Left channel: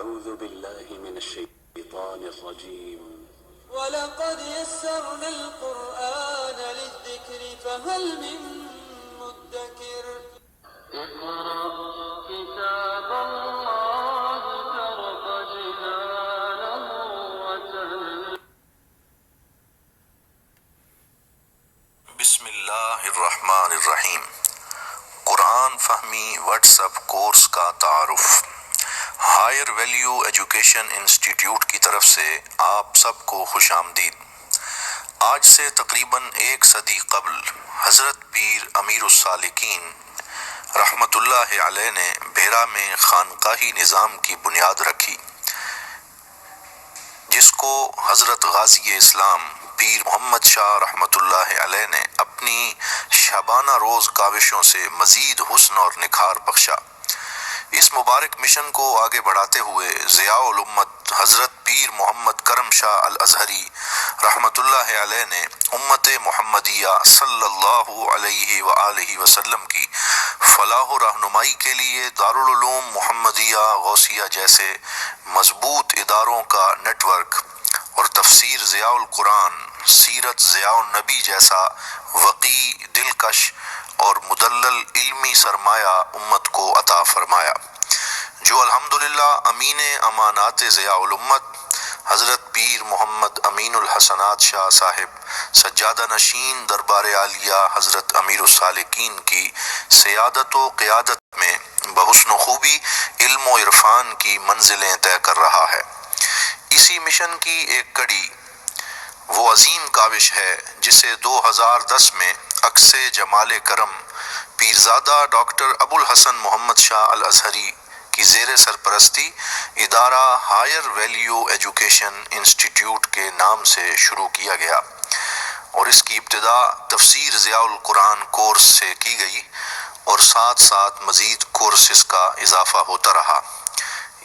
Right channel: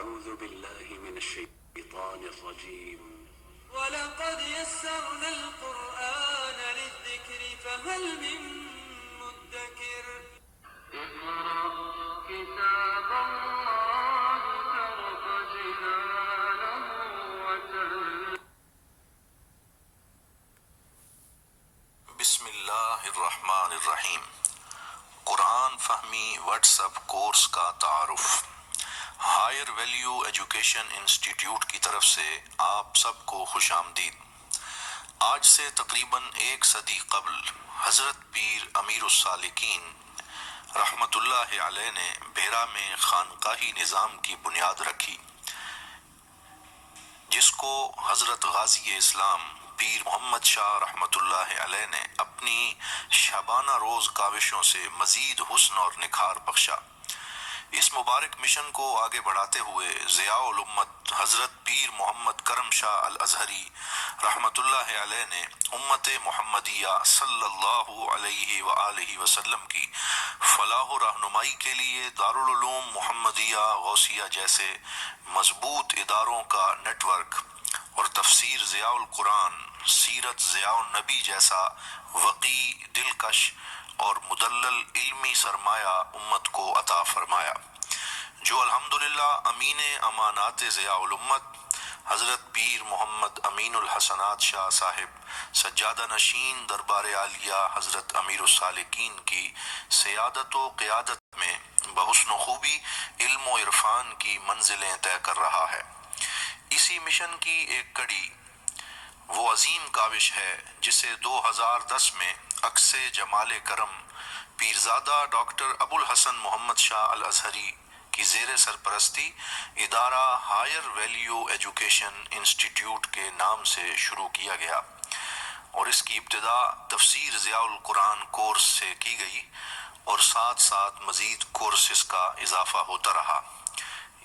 أعوذ بالله من الشيطان الرجيم ولقد يسرنا القرآن للذكر فهل من مدكر اقرأ كتاب الله شرف جنانه وتل. بسم اللہ الرحمن الرحیم۔ قرآن فہمی واٹس اپ کورس کا تعارف۔ ہائر ویلیو ایجوکیشن انسٹیٹیوٹ کی طرف سے آپ سب کو خوش آمدید۔ آج سے تقریباً 1 صدی قبل حضرت پیر امیر السالکین رحمت اللہ علیہ نے بھیرا میں خانقاہی نظام کی بنیاد رکھی، جس کو حضرت غازی اسلام پیر محمد شاہ رحمت اللہ علیہ نے اپنی شبانہ روز کاوشوں سے مزید حسن اور نکھار بخشا۔ اس مبارک مشن کو آگے بڑھاتے ہوئے ضیاء الامت حضرت پیر محمد کرم شاہ الازہری رحمت اللہ علیہ نے امت محمدیہ صلی اللہ علیہ وآلہ وسلم کی فلاح و رہنمائی کے لیے دارالعلوم محمدیہ غوثیہ جیسے مضبوط اداروں کا نیٹ ورک اور تفسیر ضیاء القرآن، سیرت ضیاء النبی جیسا وقی، دلکش اور مدلل علمی سرمایہ امت کو عطا فرمایا، جو الحمدللہ امین امانات ضیاء الامت حضرت پیر محمد امین الحسنات شاہ صاحب سجادہ نشین دربار عالیہ حضرت امیر السالکین کی سیادت و قیادت میں بحسن و خوبی علم و عرفان کی منزلیں طے کر رہا ہے۔ اسی مشن کی ایک کڑی وہ عظیم کاوش ہے جسے 2010 میں عکس جمال کرم پیرزادہ ڈاکٹر ابو الحسن محمد شاہ الازہری کی زیر سرپرستی ادارہ ہائر ویلیو ایجوکیشن انسٹیٹیوٹ کے نام سے شروع کیا گیا، اور اس کی ابتدا تفسیر ضیاء القرآن کورس سے کی گئی اور ساتھ ساتھ مزید کورسز کا اضافہ ہوتا رہا۔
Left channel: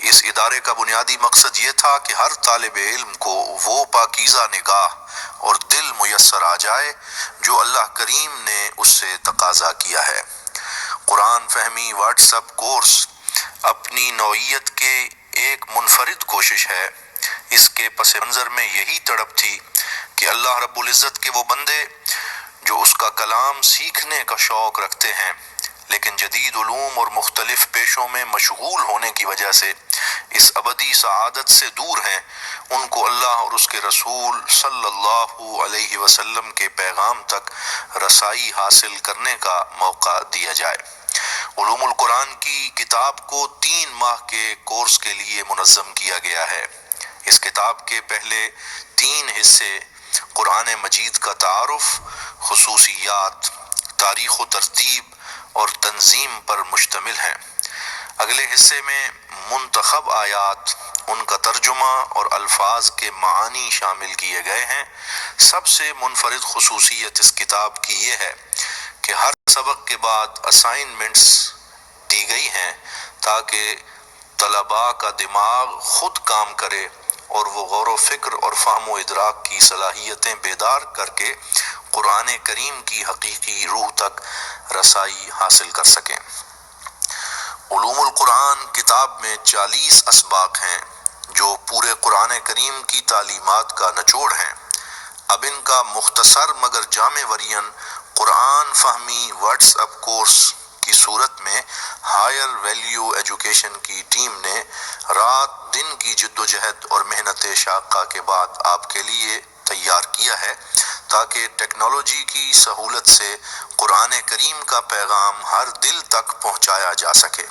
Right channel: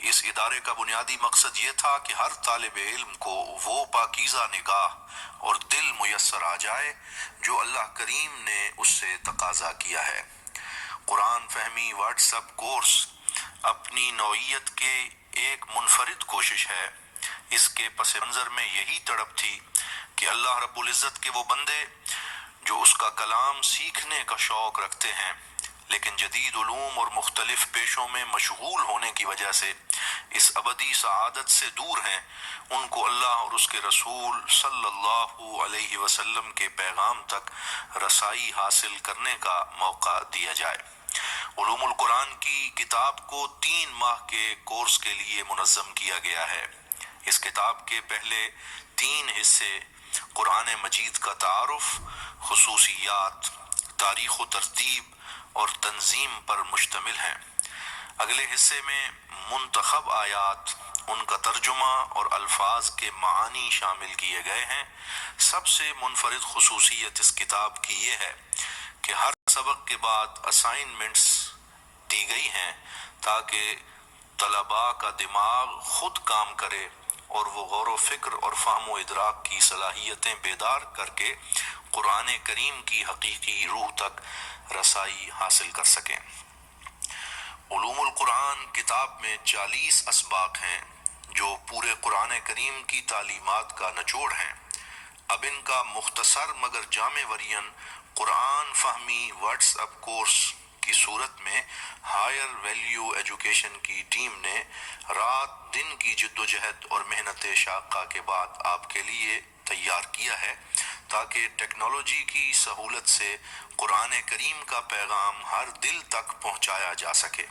اس ادارے کا بنیادی مقصد یہ تھا کہ ہر طالب علم کو وہ پاکیزہ نگاہ اور دل میسر آ جائے جو اللہ کریم نے اس سے تقاضا کیا ہے۔ قرآن فہمی واٹس اپ کورس اپنی نوعیت کے ایک منفرد کوشش ہے۔ اس کے پس منظر میں یہی تڑپ تھی کہ اللہ رب العزت کے وہ بندے جو اس کا کلام سیکھنے کا شوق رکھتے ہیں لیکن جدید علوم اور مختلف پیشوں میں مشغول ہونے کی وجہ سے اس ابدی سعادت سے دور ہیں، ان کو اللہ اور اس کے رسول صلی اللہ علیہ وسلم کے پیغام تک رسائی حاصل کرنے کا موقع دیا جائے۔ علوم القرآن کی کتاب کو 3 ماہ کے کورس کے لیے منظم کیا گیا ہے۔ اس کتاب کے پہلے 3 حصے قرآن مجید کا تعارف، خصوصیات، تاریخ و ترتیب اور تنظیم پر مشتمل ہیں۔ اگلے حصے میں منتخب آیات، ان کا ترجمہ اور الفاظ کے معانی شامل کیے گئے ہیں۔ سب سے منفرد خصوصیت اس کتاب کی یہ ہے کہ ہر سبق کے بعد اسائنمنٹس دی گئی ہیں تاکہ طلباء کا دماغ خود کام کرے اور وہ غور و فکر اور فہم و ادراک کی صلاحیتیں بیدار کر کے قرآن کریم کی حقیقی روح تک رسائی حاصل کر سکیں۔ علوم القرآن کتاب میں 40 اسباق ہیں جو پورے قرآن کریم کی تعلیمات کا نچوڑ ہیں۔ اب ان کا مختصر مگر جامع ورژن قرآن فہمی واٹس اپ کورس کی صورت میں ہائر ویلیو ایجوکیشن کی ٹیم نے رات دن کی جد و جہد اور محنت شاقہ کے بعد آپ کے لیے تیار کیا ہے تاکہ ٹیکنالوجی کی سہولت سے قرآن کریم کا پیغام ہر دل تک پہنچایا جا سکے۔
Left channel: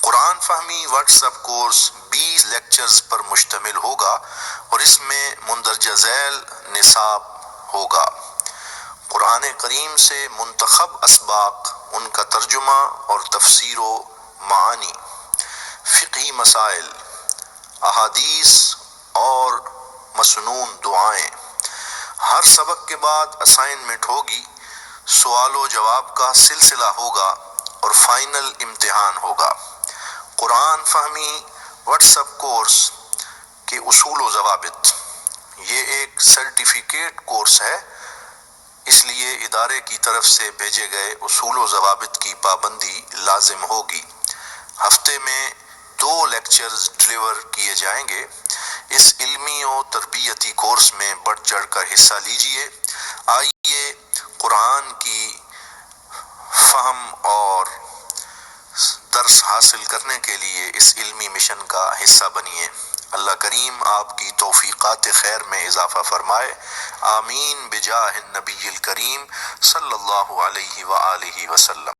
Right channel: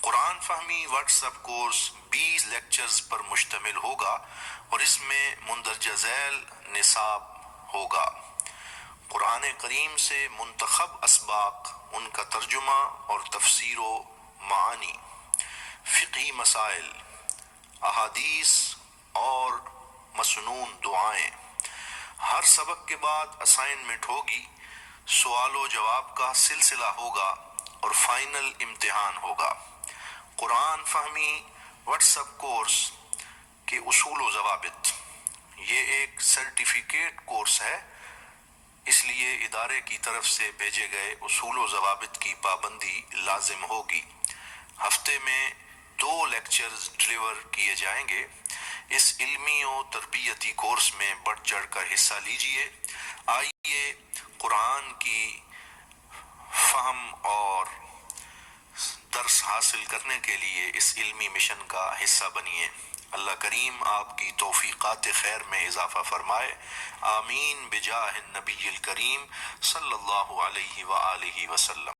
قرآن فہمی واٹس اپ کورس 20 لیکچرز پر مشتمل ہوگا اور اس میں مندرجہ ذیل نصاب ہوگا۔ قرآن کریم سے منتخب اسباق، ان کا ترجمہ اور تفسیر و معانی، فقہی مسائل، احادیث اور مسنون دعائیں۔ ہر سبق کے بعد اسائنمنٹ ہوگی، سوال و جواب کا سلسلہ ہوگا اور فائنل امتحان ہوگا۔ قرآن فہمی واٹس اپ کورس کے اصول و ضوابط، یہ ایک سرٹیفکیٹ کورس ہے، اس لیے ادارے کی طرف سے بھیجے گئے اصول و ضوابط کی پابندی لازم ہوگی۔ ہفتے میں 2 لیکچر لیکچرز ڈلیور کیے جائیں گے۔ اس علمی و تربیتی کورس میں بڑھ چڑھ کر حصہ لیجئے۔ آئیے قرآن کی فہم اور درس حاصل کرنے کے لیے اس علمی مشن کا حصہ بنیے۔ اللہ کریم آپ کی توفیقات خیر میں اضافہ فرمائے، آمین بجاہ النبی الکریم صلی اللہ علیہ وآلہ وسلم۔